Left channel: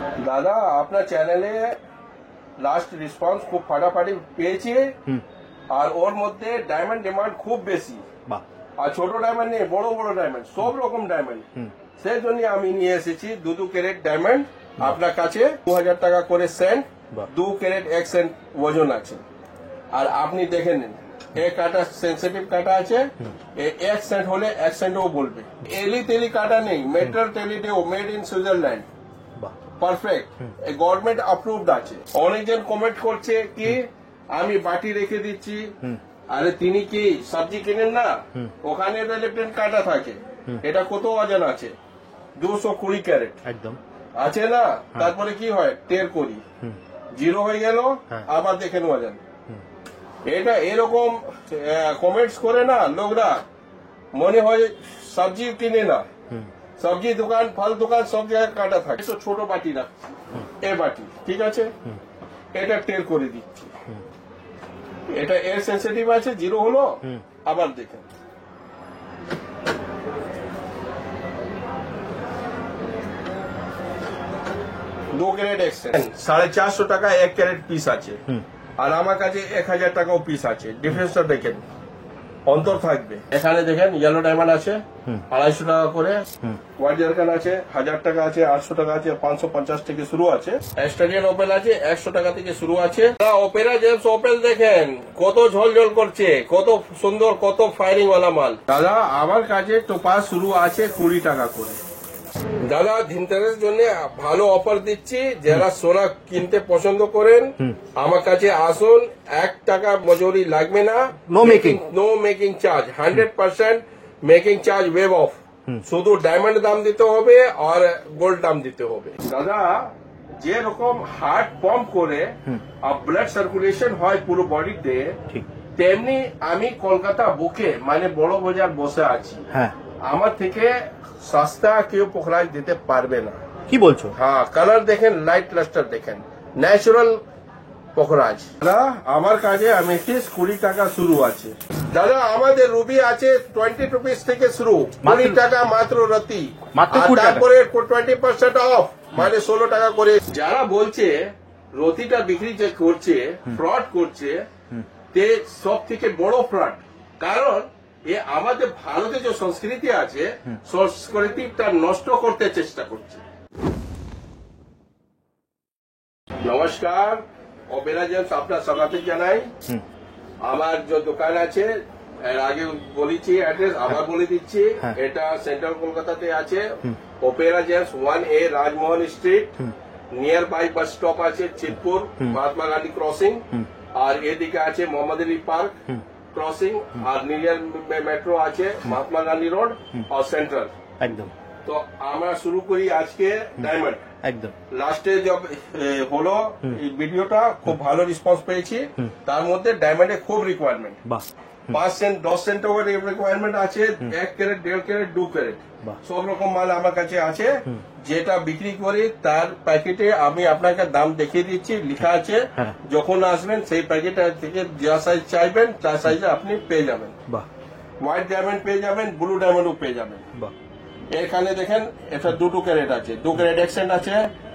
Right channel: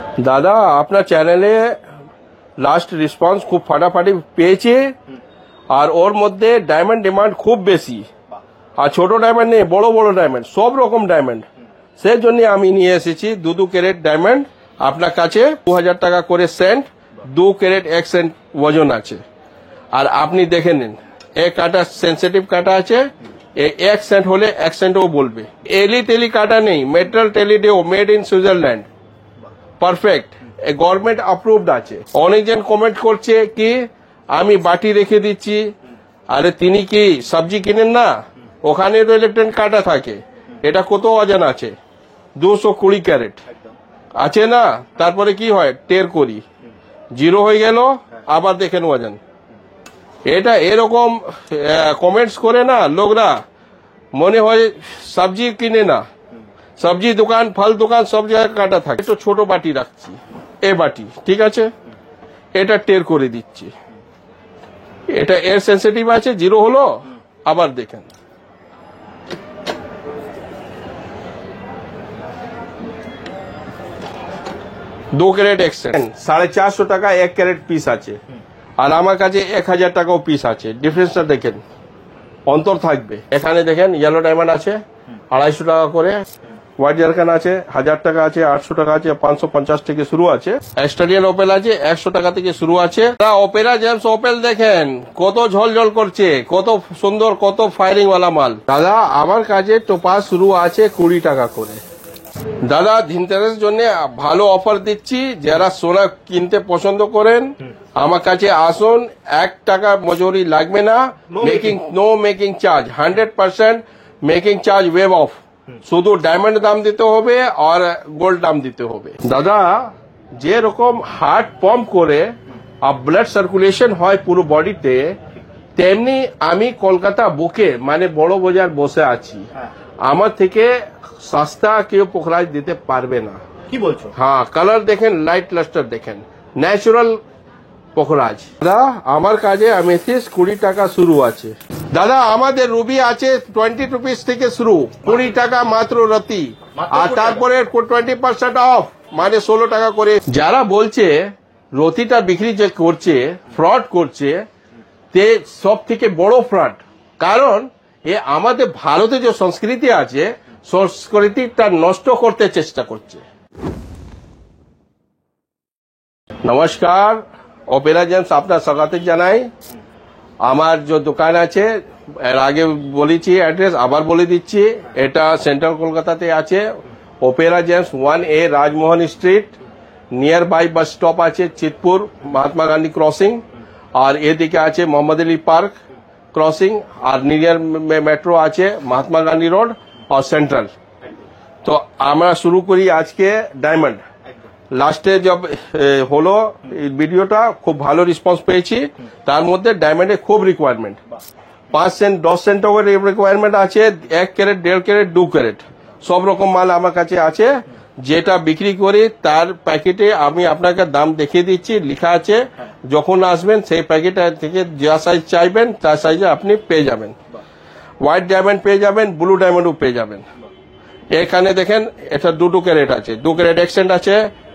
দাদা আপনার চ্যানেলে লাস্ট রেসপন্স খুব ফাটাফাটি পেয়েছে, আর ওর মধ্যে ডায়মন্ড ডিমান্ড খুব বেশি, আর ছোট ডায়মন্ড নেই, বড় বড় ডায়মন্ড, সব রকম ডায়মন্ড। সেই জন্য আমি নিয়ে এসেছি 2 ক্যারেট ডায়মন্ড আপনার কাছে। 2000 টাকা করে সেন্ট, 2 ক্যারেট 1 সেন্ট ওজন আছে। আর আপনি দেখে নিন, এই কাটা সেন্সিটিভ কাটা আছে, 1 সেন্ট হলে 1 সেন্টও বলবে। এলি তেলি কাটা নেই, মেটাল টেলিডেও, made in Switzerland, perfect, government approved আছে। অনেকজন কমেন্ট করছে কি আমি বাটি রেখে দিচ্ছি, আরে তিনি কি সবজি কিনেন না, ওখানে তো ইলেকট্রনিক কাটা থাকে। এটা কত ওজন আছে? 220 ক্যারেট একদম আছে না। তারপরে কি হয়, টের করি, 0 হয়ে গেল, আবার দেখেন ওজন। এটা এরকম কমেন্টস করে না লোকরা, মনে হয় সবজি কিনে না। সবজি দোকান, ফল দোকান, সব জায়গায় কাটা থাকে। তো ছোট বাটি রাখছি, এ বাটি ঠিক আছে, এটা টের করে দিচ্ছি। এটা এর সেন্সিটিভ আছে, 0 হলো, আবার দেখেন। দু ক্যারেট 1 সেন্ট, 450 টাকা 1 ক্যারেট পিস আছে, আর আমার কাছে 1000 টাকাও পিস আছে। ডিফারেন্সটা দেখেন, অন্তর থাকবে। এখানে দেখেন ইয়েলো ডায়মন্ড আছে 250 টাকা করে, হোয়াইট জারকান আছে 1000 টাকা আছে, 800 টাকা আছে, 550 থেকে শুরু আছে। স্টাডিয়ান ওপেল আছে 100 টাকা থেকে শুরু আছে। ওপেরা জেমস ওপেল দেখেন কত ঝলঝল করছে, কত সুন্দর, কত ফায়ারিং ওয়ালা মাল। দাদা আমার কাছে টোপাস শুরু আছে 20 টাকা করে। দাদা ধনতেরাস জন্য ভালো অফার দিচ্ছি, যারা সোনা কিনতে পছন্দ করেন আমার কাছে আসুন। 1 টাকা মজুরি লাগবে না, no making charge, 100% making charge waive off. শুধু ডায়মন্ড দাম দিতে হবে আর গোল্ড দাম দিতে হবে। দাদা যে রকম হার্ট পাম্প করে আর ব্লাড সার্কুলেশন হয় পুরো বডিতে, তেমনি আমি কলকাতা বুকে মানে বড় বাজার বসে আছি। আমার থেকে সস্তা কেউ পোখরাজ দিতে পারবে না। কি বলছো? হ্যাঁ, কালার দেখেন, লাইট লাস্টার দেখেন, ন্যাচারাল পোখরাজ। দাদা আমার কাছে অ্যামেথিস্ট 20 টাকা শুরু আছে। দাদা আমাদের রুবি আছে 20 রুপিস থেকে শুরু, 20 টাকা মাত্র রতি, আর তারপরে 20% অফ, মানে 16 টাকা করে। যারা বলছে রতিটা বিক্রি যে করছে, ফ্রড করছে, তে সব থেকে বড় ফ্রড। কারণ এ আমাদের ভারতে যে সংস্কৃতি আছে, সংস্কৃতিটা নষ্ট করতে চেষ্টা করছে। নমস্কার, অপেরা জেমস আপনার স্বাগত জানাই। আমার যে দোকান আছে, এর আগে বলেছি অ্যাড্রেস, আবার বলে দিচ্ছি, এটা সেন্ট্রাল কলকাতাতে আছে। Opera Gems 1A Rajmohan Street, near by bus stop আছে চিতপুর, মহাত্মা গান্ধী ক্রসিং, আর এদিকে আছে মোহাম্মদ আলী পার্ক ক্রসিং, আর নিয়ার মেট্রো আছে মহাত্মা গান্ধী রোড আর সেন্ট্রাল। একদম। তো আমরা শুরু করি আজকে ডায়মন্ড। একদম লাস্টে যব হলো ভিডিওটা, খুব ভালো রেসপন্স পেয়েছি। তার মধ্যে ডায়মন্ডে খুব রিকোয়ারমেন্ট, 5 সেন্ট 10 সেন্ট রিকোয়ারমেন্ট আছে, 1 ক্যারেট 1.5 ক্যারেট 2 ক্যারেট সব রকম মাল আমার কাছে আছে। যেটা বিক্রি করি তার প্যাকেটে আমি আপনাকে দাম দেখিয়ে দিচ্ছি, লেখা আছে। যখন আসবেন সেই প্যাকেট থেকে যা সাইজ চাইবেন তার সাইজে আপনি পেয়ে যাবেন। হোয়াইট ডায়মন্ড পেয়ে যাবেন, ব্লু ডায়মন্ডও পেয়ে যাবেন। এখানে দেখেন এটা 2 ক্যারেট আছে, 2 ক্যারেট 1 সেন্ট আছে,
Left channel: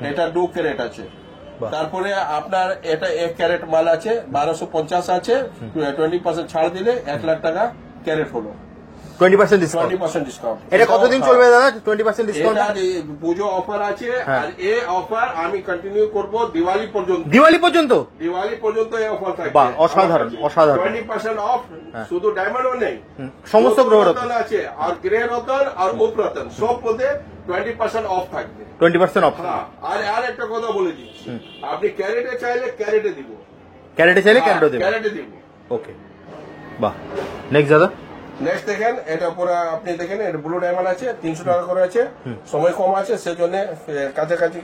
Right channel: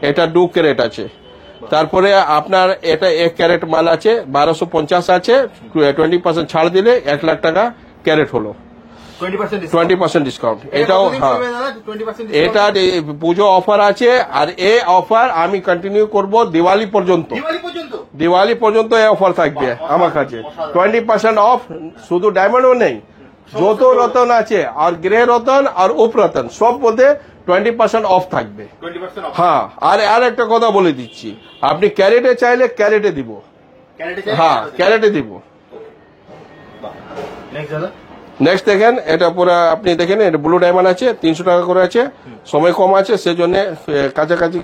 এটা 2 ক্যারেট আছে। তারপরে আপনার এটা 1 ক্যারেট মাল আছে, 1250 আছে, 20% ছাড় দিলে 1 লাখ টাকা ক্যারেট হলো, 20% ডিসকাউন্ট। এটা পুজো অফার আছে, আর এই অফার আমি কন্টিনিউ করব দিওয়ালি পর্যন্ত। দিওয়ালি পর্যন্ত এই অফার থাকবে আমার কাছে, 20% অফ। শুধু ডায়মন্ডও নেই, সমস্ত রতন আছে, আর গ্রে রতন আর উপ রতন সব মধ্যে 20% অফ থাকবে। 20% অফ। হ্যাঁ, আর একটা কথা বলে দিচ্ছি, আপনি ক্যারেটে চাইলে ক্যারেটে দিব, ক্যারেটে দিব। ওকে, বাহ। নেক্সট দাদা, নেক্সট দেখেন, এটা পুরো আপনি দেখেন, এটা ব্লু ডায়মন্ড আছে, 300 টাকা করে আছে। সময় কম আছে সেজন্য কাছাকাছি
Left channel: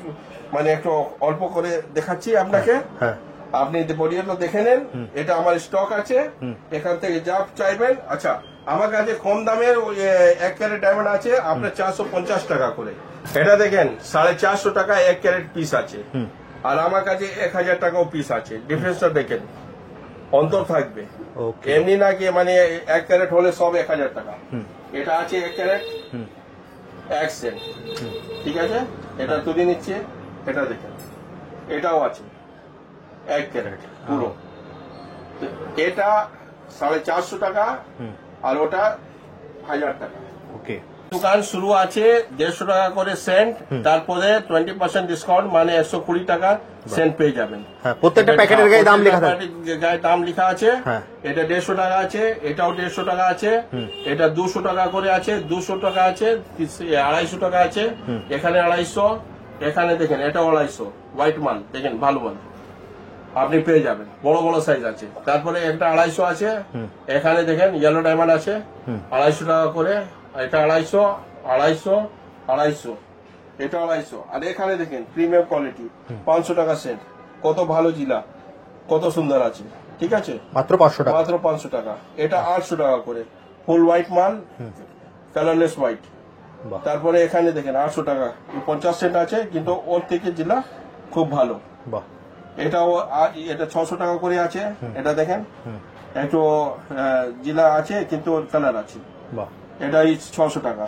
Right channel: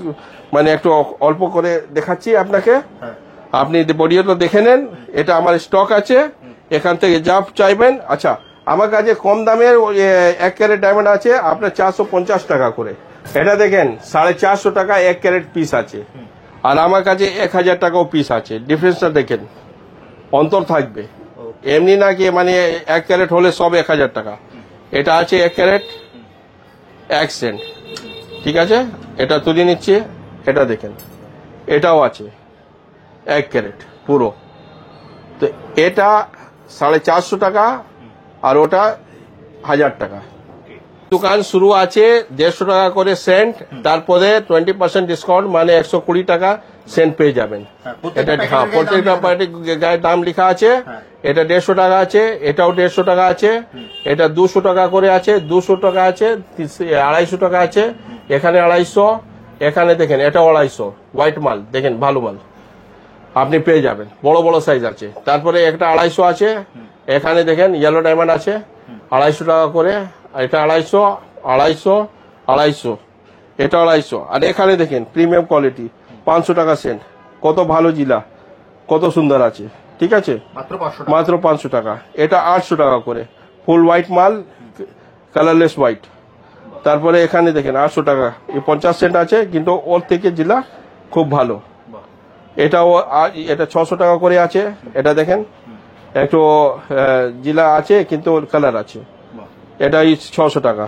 মানে একটু অল্প করে দেখাচ্ছি আপনাকে। আপনি বডিটা দেখে নেন, এটা আমার স্টক আছে, এখান থেকে যা চাইবেন। আচ্ছা, আমার কাছে কম দামের 1 ক্যারেট ডায়মন্ড আছে আপনার 450 টাকা করে। এটা দেখেন 450 টাকা 1 ক্যারেট পিস আছে, আর আমার কাছে 1000 টাকাও পিস আছে। ডিফারেন্সটা দেখেন, অন্তর থাকবে। এমনি না কি মানে 1 ক্যারেট হলে সব 1000 টাকা। এটা আছে 1 ক্যারেট 1 সেন্ট, ঠিক আছে। এটা তুলে নিচ্ছে, এটা দেখেন, এটাও আছে 1 ক্যারেট পুরো। তো এটা 450 টাকা আর ওটা 1000 টাকা। ওকে। দোকান শুরু আছে 150 টাকা করে সেন্ট, তারপরে 20% ডিসকাউন্ট মানে 120 টাকা সেন্ট পেয়ে যাবেন। হ্যাঁ, প্রত্যেকটা এটা- প্যাকেটের গায়ে দাম প্রত্যেকটা লেখা থাকে। প্যাকেটের গায়ে দাম লেখা আছে। হ্যাঁ। এটা 150 টাকা আছে, এটাও 150 টাকা আছে, এটা 200 টাকা করে আছে, 200 টাকা আছে, 250 টাকা আছে, এখানে 250, এখানে দেখেন এটাও 250, হোয়াইট মাল দেখেন, ভালো মাল আপনি পেয়ে যাবেন, বড় বড় সাইজ আছে। তারপরে একটা 250 আছে, এখানে দেখেন ইয়েলো ডায়মন্ড আছে 250 টাকা করে, এটা 250, 250, 250, এটা 250, আর এখানে দেখেন প্রিমিয়াম কোয়ালিটি 500 টাকা সেন্ট, কত ভালো জিলা, কত সুন্দর আছে। ঠিক আছে, মাত্র 500 টাকা। মাত্র 500 টাকা। এটা 800 টাকা করে, ফুল হোয়াইট মাল, কালারলেস হোয়াইট। বাহ। তারপরে এখানে দেখেন 800 টাকা, এই 50 সেন্ট আছে, কিন্তু ওর থেকে জিলা খুব ভালো। বাহ। এটাও এটা 600 টাকা করে আছে, এটা দেখেন একটু জিলা আছে কিন্তু কালার আছে, বাহ। এটা 600 টাকা।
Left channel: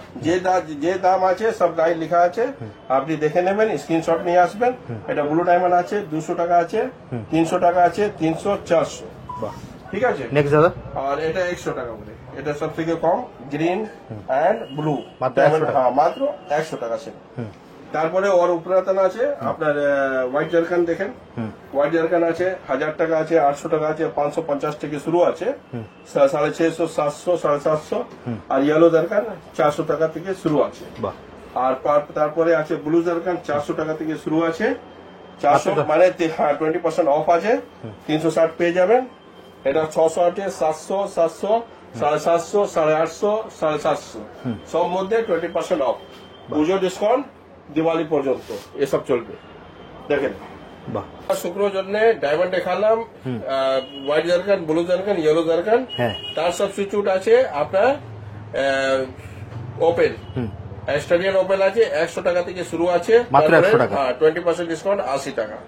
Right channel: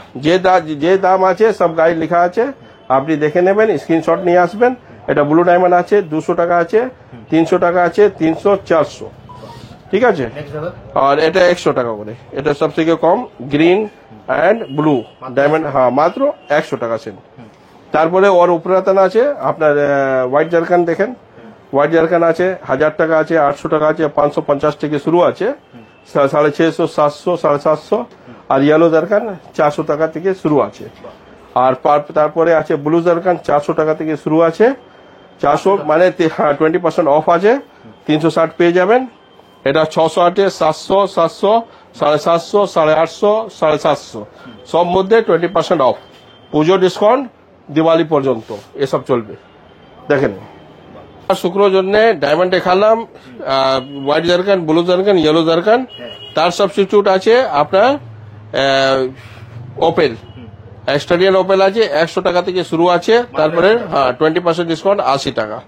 যে দাম আছে সব গাইড লেখা আছে, আপনি দেখে নেবেন, স্ক্রিনশট নিয়ে আসবেন। এটা ব্লু ডায়মন্ড আছে 200 টাকা আছে, 300 টাকা আছে, 300, 400। বাহ। ঠিক আছে, নেক্সট দাদা। আর এটা 100 টাকা করে, এটা সব থেকে কম, গ্রিন অ্যান্ড ব্লু মাত্র ডায়মন্ড। 100 হ্যাঁ, মাত্র 100 টাকা সেল। তারপরে ওর উপরাতন আছে আপনার হোয়াইট জারকান, দেখেন হোয়াইট জারকান আছে 1000 টাকা আছে, 800 টাকা আছে, 550 থেকে শুরু আছে, 650, 700, 750, আর ইয়েলো জারকান 400 টাকা থেকে শুরু আছে। বাহ। আর তারপরে আছে ব্লু জারকান 400 টাকা থেকে শুরু আছে, 400 মানে 20% অফ আছে, 360 পেয়ে যাবেন। এটা 600 আছে, 700, 700, 750, 850, 750, সব মধ্যে 20% অফ, পুজো ডিসকাউন্ট দিওয়ালি পর্যন্ত এসব চলবে। দেখেন, বাহ। শুক্রোর জন্য ডায়মন্ড দেখালাম, white zircon, blue zircon, yellow zircon. হ্যাঁ। তার সাবস্টিটিউট আছে আপনার ওপেল, স্টাডিয়ান ওপেল আছে 100 টাকা থেকে শুরু আছে, মাত্র তারপরে 100 টাকা। 20% ডিসকাউন্ট 80 টাকা।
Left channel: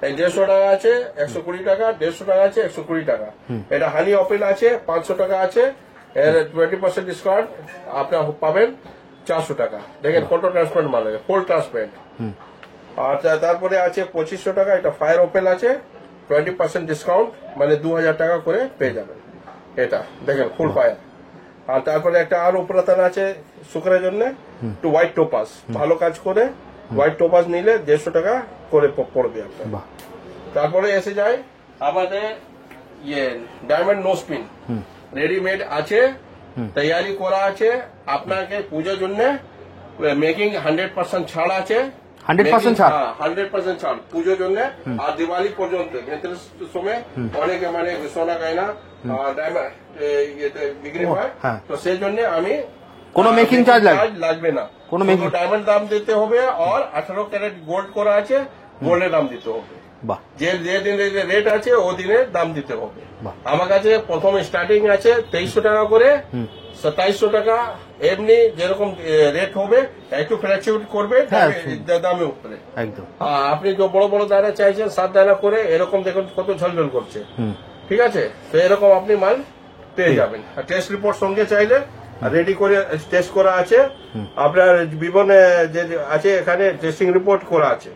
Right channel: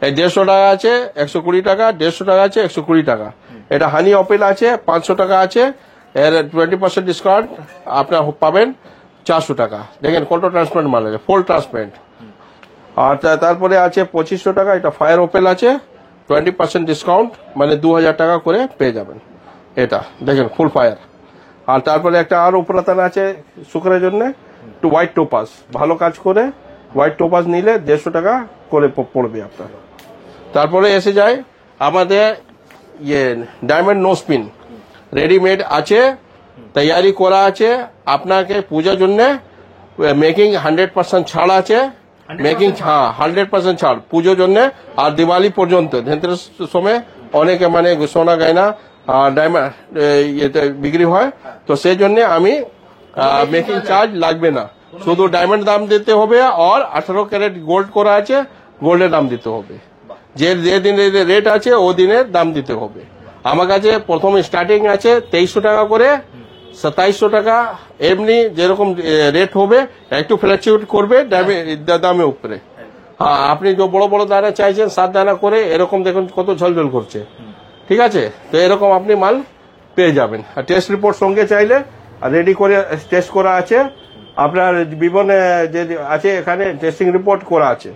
এই 150 টাকা আছে 120 টাকা, 150 টাকা আছে 120 টাকা। এটা হানি ওপেল আছে 500 টাকা আছে, এর 20% ডিসকাউন্ট আপনার পাবেন 400 টাকা। দেখেন কত ট্রান্সপারেন্ট মাল আছে, ফুল ট্রান্সপারেন্ট। আর তারপরে আছে 2500 টাকা, এটা ফায়ার ওপেল আছে 20% ডিসকাউন্ট মানে 2000 টাকা করে পেয়ে যাবেন। এটা দেখেন ফুল ফায়ার। আর তারপরে একটা আর উপরাতন আছে শুক্রের জন্য, একটু হোয়াইট টোপাস, ভালো কাজ করে হোয়াইট টোপাস নিলে 150 টাকা করে পড়বে আপনার। তারপরে এসে যায় আমাদের ইয়ে ডায়মন্ড নো স্পিন, রেডিমেড আছে, তৈরি করা আছে আপনাকে পূজার জন্য, মেকিং 100% ছাড় আছে, 100% ছাড়? 100% ছাড় পুজোর জন্য। আর দিওয়ালি পর্যন্ত ধনতেরাস সময় অনেকে মানে সোনা গয়না ডায়মন্ড বিক্রি হয়, হ্যাঁ। তো সেই জন্য আমি কোনো making charge চার্জ লাগবে না, কোনো শুধু making- ডায়মন্ড দাম দিতে হবে, আর 18 ক্যারেট গোল্ড করা আছে, গোল্ডের দাম দিতে হবে। বাহ। যে যে দিনে রেট আছে ও দিনের দাম দিতে হবে। আমার কাছে প্রথম স্টার্টিং আছে 2300 টাকা করে, 2700 টাকা, এমনি যেরকম রেট হবে একটু ফ্লেক্সিবিলিটি করবে দামের উপরে। একদম। হ্যাঁ, আপনি যে বড় বড় দানা চাইছেন 7 দানা করে, এরকম দেখুন কত ঝলঝল করছে। ঠিক আছে, তো এরকম আপনি মাল পেয়ে যাবেন। আর টেস্ট রিপোর্ট সঙ্গে চাইলে রেডি করে টেস্ট করা আছে, আপনার বিবনে যে আছে এখানে টেস্টিং রিপোর্ট করা আছে।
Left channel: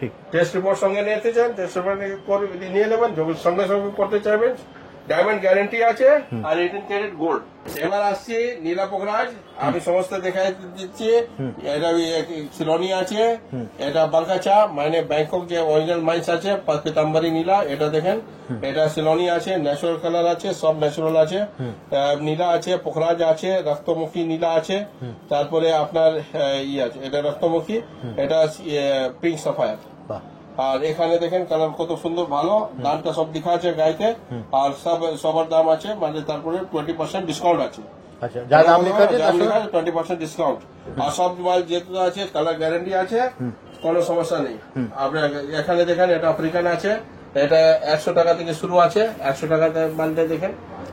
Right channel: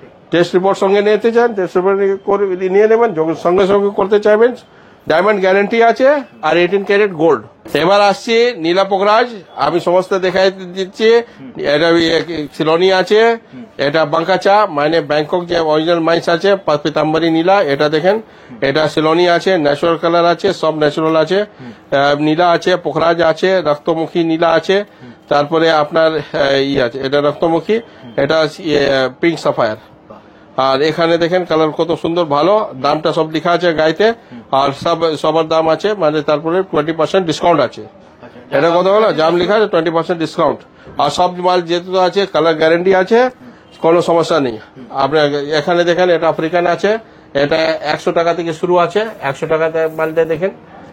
ঠিক। টেস্ট রিপোর্ট সঙ্গে নিতে চান, টেস্ট রিপোর্ট নিয়ে নেবেন, যখন সঙ্গে সঙ্গে করতে চাইবেন, ডায়মন্ড গ্যারান্টি আছে, আর 18 ক্যারেট গোল্ড। এবার আসছি নীলা পোকরাজ, আমি সমস্ত দেখাই দিচ্ছি। এটা সিলোনি আছে, এটা বাঙ্কাচা মানে ব্যাংকক যে অরিজিনাল মাইন্স আছে, পিতাম্বরী নীলা, এটা দেখেন, এটা সিলোনি আছে, ন্যাচারাল কালার আছে, সব ন্যাচারাল আছে, নীলা আছে, পোখরাজ আছে, রক্তমুখী নীলা আছে, তারপরে আপনার আছে, এটা রক্তমুখী, এটা পিঙ্ক সাফায়ার। বাহ। আর এখানে দেখেন কালার কত সুন্দর, ভালো, দামটা সব লেখা আছে গাইতে, আর সবার দাম আছে, মানে তারপরে 20% ডিসকাউন্ট আছে। আচ্ছা, এটা কত হলো, দাম লেখা আছে 20% ডিসকাউন্ট। আর সব মাল যেহেতু আছে, কালার গ্যারেন্টি আছে, কোনো সমস্যা নেই। আপনার এখানে দেখেন এটা আফ্রিকান আছে, এটা 100 টাকা থেকে শুরু আছে, 100 টাকাতে মালটা দেখেন,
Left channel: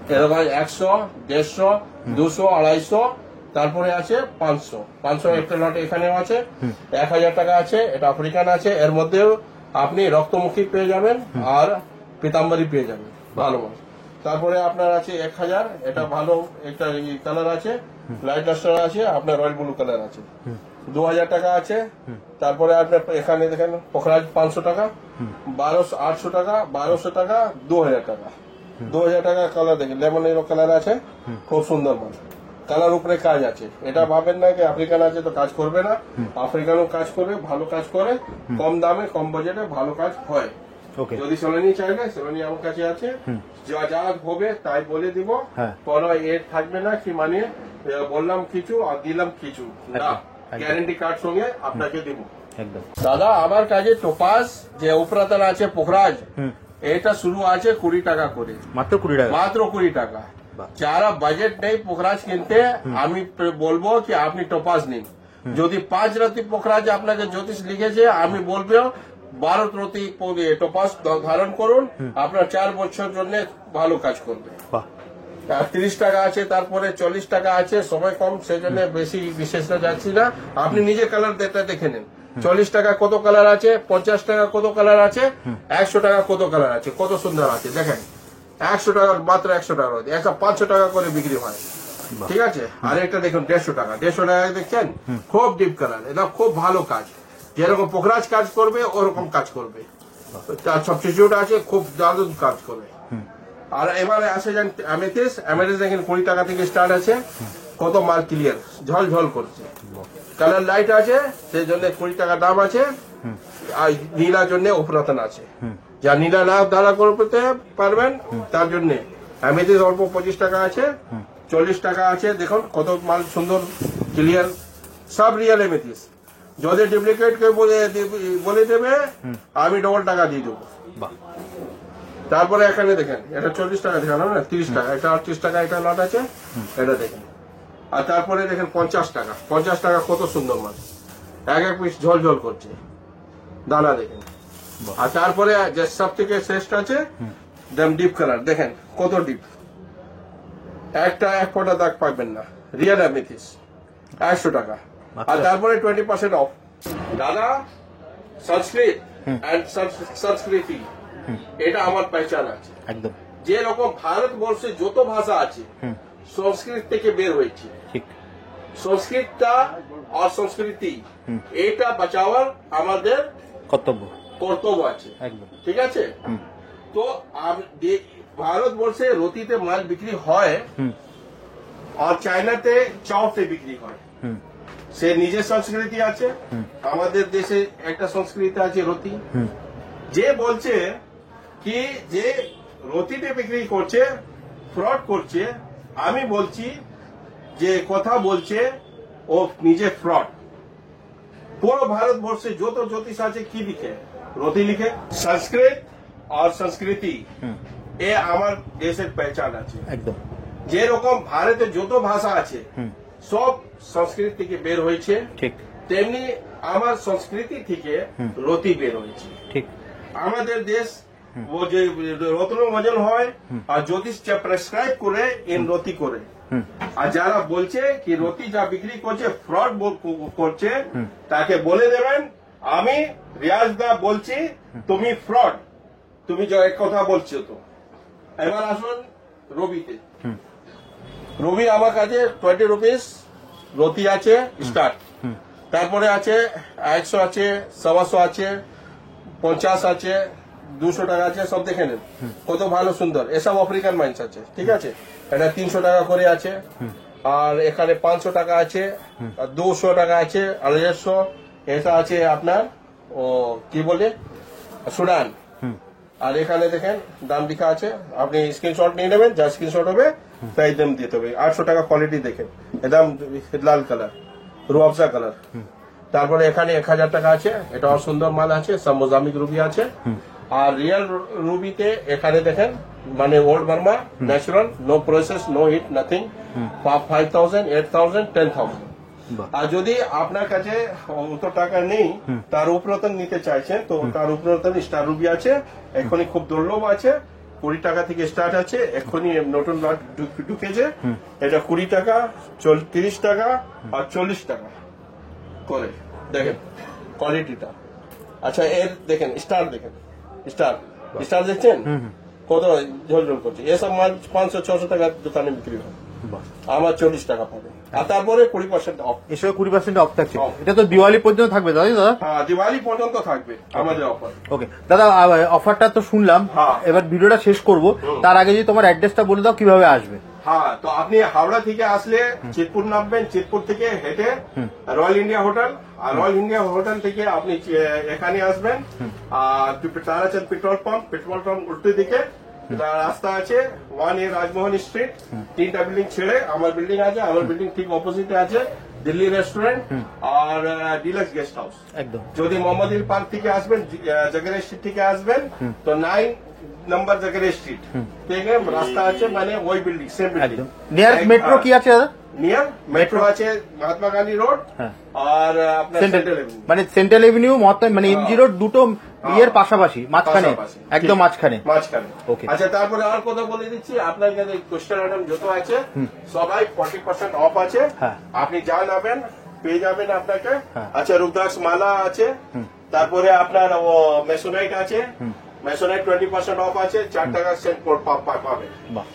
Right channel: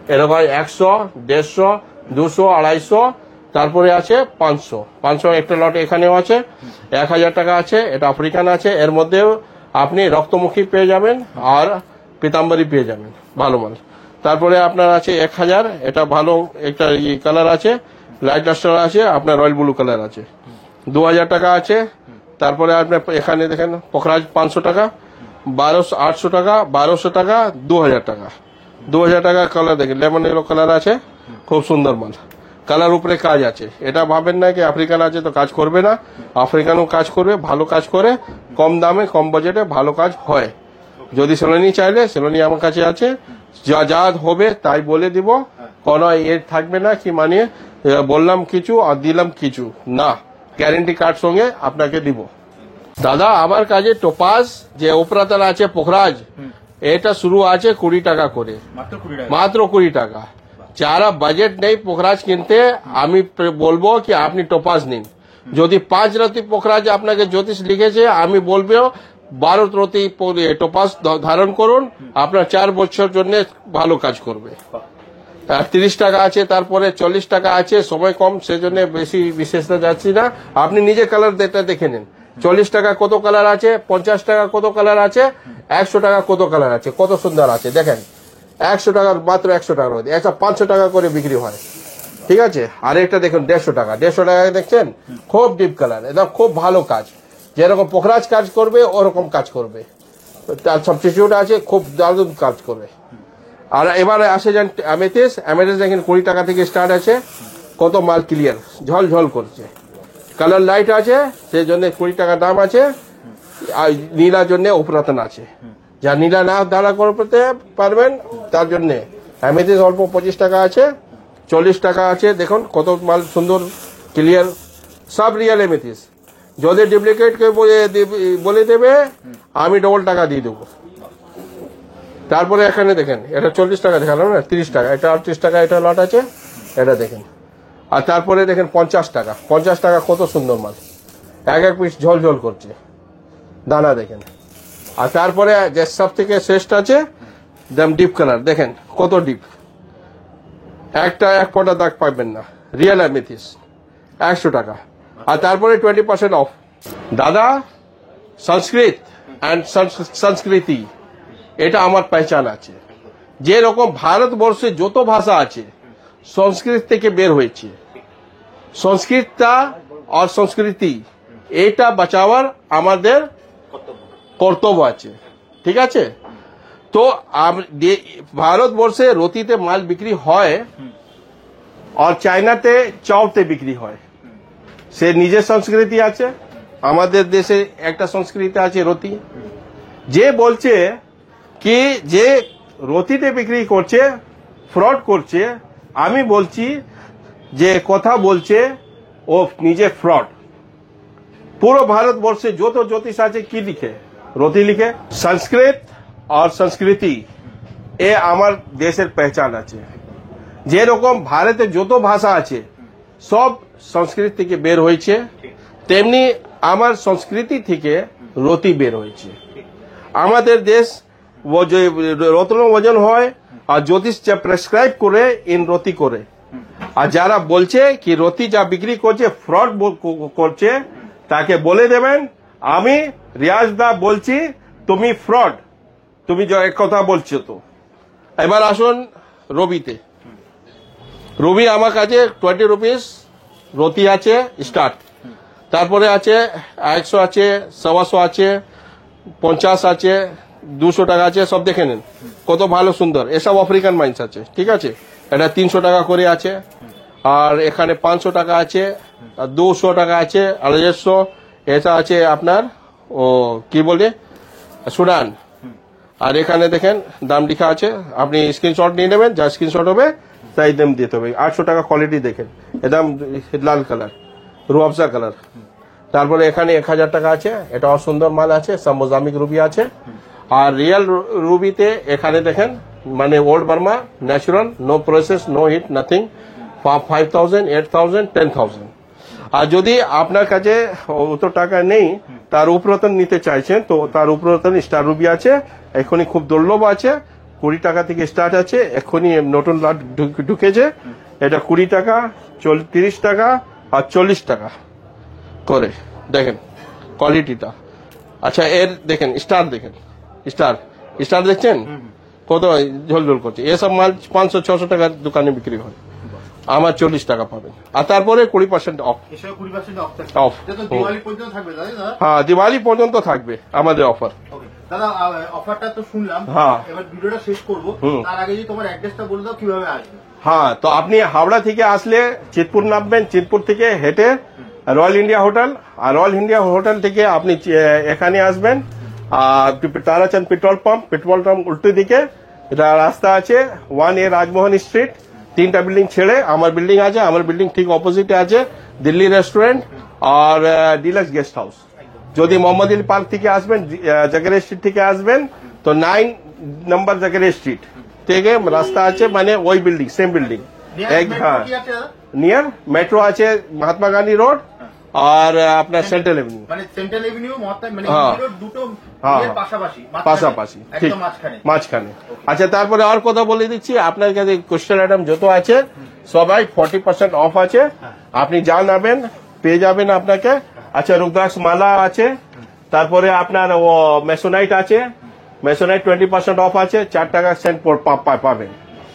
এরকম 100, 150, 200, 250, তারপরে আছে 500 একটা লট এখানেও আছে, 1000 টাকা আছে, এটা আফ্রিকান আছে, এর মধ্যে আপনি রক্তমুখী পেয়ে যাবেন আর পিতাম্বরী পেয়ে যাবেন, ভালো মাল। তারপরে আপনার আছে 1000, এটা ভালো একটা কালার আছে, লাইট ডাস্টার আছে, আপনার রয়্যাল ব্লু কালার আছে, 2000 টাকা আছে, তারপরে আপনার এখানে দেখেন পোখরাজ 500 টাকা, 1200 টাকা, 1200 টাকা, 2000 টাকা। 2000 টাকা কালার দেখেন, লেমন ইয়েলো কালার আছে, খুব সুন্দর মাল। কালার উপরে কাজ আছে, এটা ভাবেন না কি আফ্রিকান আছে তো কাজ করবে না, আফ্রিকানও কাজ করবে, ভালো কাজ করে, কম দামে কম বাজেটে ভালো কাজ হয়। যদি সেলোনি চাইলে সেলোনি আমার কাছে আছে, যা যা হবে তাই বলে দিব, কোনো এর থাকবে না কি মানে বললাম কিছু আর দিলাম কিছু না, গ্যারেন্টি কার্ড সঙ্গে আপনাকে দিব। দাদা আমার কাছে টোপাস যে ওপরাতাল আছে পোখরাজ, এটা শুরু আছে 20 টাকা করে, মাত্র 20 টাকা। মাত্র 20 টাকা। যারা বাজেট নেই পোখরাজ কিনতে, আমি বলবো কি আপনি টোপাস নিন। যদি 5 রাতি পোখরাজ আপনাকে জ্যোতিষ লিখেছে, আমি বলবো 12 রাতি টোপাস ধারণ করুন, আপনার 4 বছর জন্য ভালো কাজ করবে। আর 30 টাকা আছে, তারপরে 40 টাকা আছে, সময় কম সেজন্য বেশি বিশেষটা যাচ্ছি না। আপনি নিজে কালার দেখে নিন, 40 টাকা কত কালার আছে, 50 টাকা কত কালার আছে, 100 টাকা কত কালার আছে, কত সুন্দর আছে দেখেন। 100 টাকা মাত্র 100 টাকা, এটা 500 টাকা করে বিক্রি হয়, ঠিক আছে। আর একটা দেখুন 150 টাকা, 150 টাকা দেখছেন, খুব ডিপ কালার, এটা খুব ভালো কাজ, যেরকম পোখরাজ কাজ করবে ওরকম কাজ করবে। তার সাবস্টিটিউট আছে, খুব দারুণ কাজ করবে। আর এবারে আসে যান অ্যামেথিস্ট। অ্যামেথিস্ট দেখেন 20 টাকা থেকে স্টার্ট আছে, কত মাল ক্লিয়ার ঝলঝল করছে, কালার লাইট আছে, সেই জন্য 20 টাকা দাম আছে। আর নীলার জন্য উপরাতন আছে, যা নীলা না দাঁড়া করতে পারবেন তার জন্য অ্যামেথিস্ট অল্প 25 টাকা আছে, 40 টাকা আছে। দেখুন কত মাল সুন্দর ক্লিয়ার, সব রিয়াল অ্যামেথিস্ট। যদি ডুপ্লিকেট কে বলে দেবে, আমি ডবল টাকা দিয়ে দেবো। তারপরে এখানে দেখেন, এটা 40 টাকা দেখালাম না, 30 টাকা, এটা 38 টাকা, এটা লট আছে, এটা দেখেন। আর তারপরে দেখেন 50 টাকা, 50 টাকা কত সুন্দর মাল, এক এক পিস ঝলঝল করছে, দানা দেখেন। আর তারপরে যে সব থেকে শ্রেষ্ঠ আছে ডিপ কালার, দেখেন কত ডিপ, এক ফোঁটা দাগ পাবেন না, রিয়েল অ্যামেথিস্ট 100 টাকা। আর তারপরে 20% অফ। দাদা সংস্কৃত অ্যান্ড সংস্কৃতি, এটা আমার পহচান আছে একদম। যেরকম ভারতবর্ষে যত ভাষা আছে সংস্কৃত থেকে বের হয়েছে, সংস্কৃতটা আর সংস্কৃতি এটা বাঁচাবার আমাদের কর্তব্য আছে, ঠিক আছে। তো ভারতবর্ষে রতিতে মাল বিক্রি হয় আর চায়নাতে চপতে বিক্রি হয়, সে নিজের সংস্কৃতি আছে, আমাদের দেশে একটা সংস্কৃতি আছে রতি। যে বলছে কি যে রতিতে বিক্রি করছে ফ্রড করছে, আমি বলছি যে কথা বলছে ও নিজে ফ্রড। পুরো ভারতবর্ষে যত জ্যোতিষ আছে কি লিখে, রতি লিখে। সংস্কৃত আর সংস্কৃতি এ আমার দেশের পহচান আছে একদম। যেরকম ভারতে যত ভাষা আছে সব সংস্কৃত থেকে বের হয়েছে, তেমনি আমার সংস্কৃতি থেকে রতি বের হয়েছে। আমাদের দেশ রত্ন ওজন হয় আর জ্যোতিষ যা প্রেসক্রাইব করে ইন রতি করে। আর যারা বলছে কি রতি যা বিক্রি করছে ফ্রড করছে, তাকে বলে দেবেন আমি রিয়াজ দা বলছি তুমি ফ্রড, তুমি এক কথা বলছো। তো এবার আসুন রবিতে। রবি আমার কাছে 20 রুপিস রতি আছে স্টার্ট, তারপরে আছে 100 আছে, 125 আছে, 50 আছে, 200 টাকা আছে, সব দেখে নিন কত ভালো সুন্দর। এসব আফ্রিকান মাইন্স আছে, ঠিক আছে। এটা 300 টাকা করে আছে, আর এখানে 500 টাকা আছে, আর 200 টাকা আছে, 250। এটা আছে আপনার ও কি বলে সুডান। আর এখানে দেখেন দাম লেখা আছে, আপনি স্ক্রিনশট নিয়ে নেবেন, যা স্ক্রিনশট হবে তাই দাম দিতে হবে। 800 টাকা কোয়ালিটি দেখেন, একদম লাল কালার, রুয়াবজা কালার। তারপরে এখানে 1000 টাকা আছে, এটা সুন্দর মাল আছে, সব মোজামিক রুবি আছে। আর রিয়েল রুবিতে এখানে দেখেন মানে old Burma natural, no process, no heat, nothing, 5000, 8000, 10,000। আর যদি আপনার কাছে অত টাকা নেই, তার উপরতন নিতে চাইছেন, তো তার উপরতন স্টার রুবি আছে, এখনই খুব দুর্লভ আছে, 20 টাকা থেকে স্টার্ট আছে, এখনই নতুন লট ঢুকেছে। এটা 20 টাকা, 30 টাকা আর 40 টাকা করে। দেখেন কোয়ালিটিটা। আচ্ছা এর দেখেন স্টার, দেখেন স্টার দেখছেন কত ঝোলঝোল করছে। এসব মাল 500-600 টাকার দোকানে বিক্রি হয়, আমার 40 টাকা পাবেন, আর তারপরে 20% অফ। এর সঙ্গে 20% অফ থাকছে। Off। এটা তো দিওয়ালি পর্যন্ত থাকবে তাই তো দাদা? হ্যাঁ, দিওয়ালি পর্যন্ত থাকবে আমাদের অফার। ওকে দাদা, অফারটা তো শুনলাম, হ্যাঁ। এবার ভিডিওটা শেষ করব, তার আগে যদি তোমার অ্যাড্রেসটা বলে দাও কিভাবে আসবে। হ্যাঁ, তো আপনি হাওড়া থেকে আসলে চিতপুর নামবেন, চিতপুর থেকে হেঁটে রয়্যাল ইন্ডিয়া হোটেল, আর রয়্যাল ইন্ডিয়া হোটেল থেকে আপনি এখানে আসবেন, আর তারাচাঁদ পেট্রোল পাম্প উল্টো দিকে এটা রাস্তা আছে, 1A রাজমোহন স্ট্রিট, 3টা বিল্ডিং ছেড়ে আমার বিল্ডিং আছে, আমার বিল্ডিং ঠিক অপোজিটে আছে দিল্লি রেস্টুরেন্ট আর ডিলাক্স গেস্ট হাউস। একদম। যদি মোহাম্মদিল পার্ক থেকে আসবেন, জাকারিয়া স্ট্রিট থেকে আসবেন, তো 9 নম্বর জাকারিয়া স্ট্রিট থেকে রাস্তা আছে, মানে ওই building, same building. Near metro কি আছে দাদা? নিয়ার মেট্রো আছে মহাত্মা গান্ধী রোড হ্যাঁ। আর আপনার সেন্ট্রাল এভিনিউ। মানে সেন্ট্রাল এভিনিউ মানে হ্যাঁ। এমজি রোড দুটো ইয়ের পাশাপাশি, পাশাপাশি, একদম ঠিক। মাঝখানে। Okay। আচ্ছা, তারপরে আর কথা বলে দিচ্ছি, আপনার কাছে কোয়েশ্চেন আইটেম যত আছে সবাই 40% অফ আছে, হ্যাঁ। আপনি যা নেবেন পেয়ে যাবেন আপনাকে। আচ্ছা, রুদ্রাক্ষ মালা আছে, তারপরে আপনার ও মেসোনাইট আছে, মেসোনাইট 20% অফ আছে, 4 টাকা সেন্ট পাবেন। বাহ।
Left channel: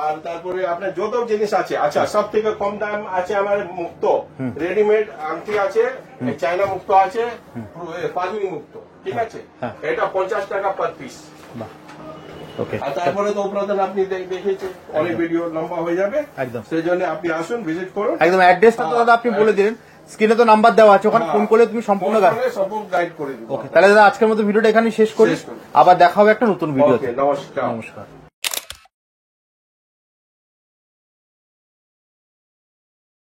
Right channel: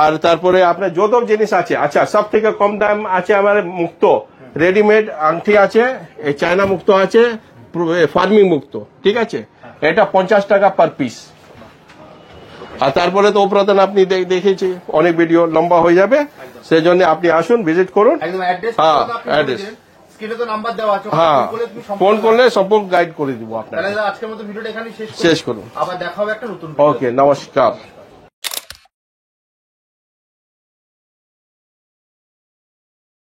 আর তারপরে আপনার যত জিনিস আছে, আচ্ছা সব থেকে কম দাম আছে আমার মুক্ত রেডিমেড আংটি আছে, এই চায়না মুক্ত আছে, ফার্মিং মুক্ত, ঠিক আছে, এটা 50 টাকা পার পিস। ওকে। আর তারপরে তো উপরাতন আপনি দেখেছি, অনেক ভিডিও লম্বা হয়ে যাবে, একদম। সেই জন্য আপনি আসুন, ভিজিট করুন। একদম অ্যাড্রেস হ্যাঁ, আপনি বলে address। দিলেন, স্ক্রিনে তো নাম্বার দেওয়া আছে, ওখানে হ্যাঁ, ফোন করলে তুমি ফোন সম্পূর্ণ করলে সম্পূর্ণ গাইড করে দিব আপনাকে। তাহলে দাদা আজকের মতো ভিডিওটা এখানেই শেষ শেষ করুন। আবার দেখা হবে একটা নতুন ভিডিও। ওকে, নমস্কার। নমস্কার।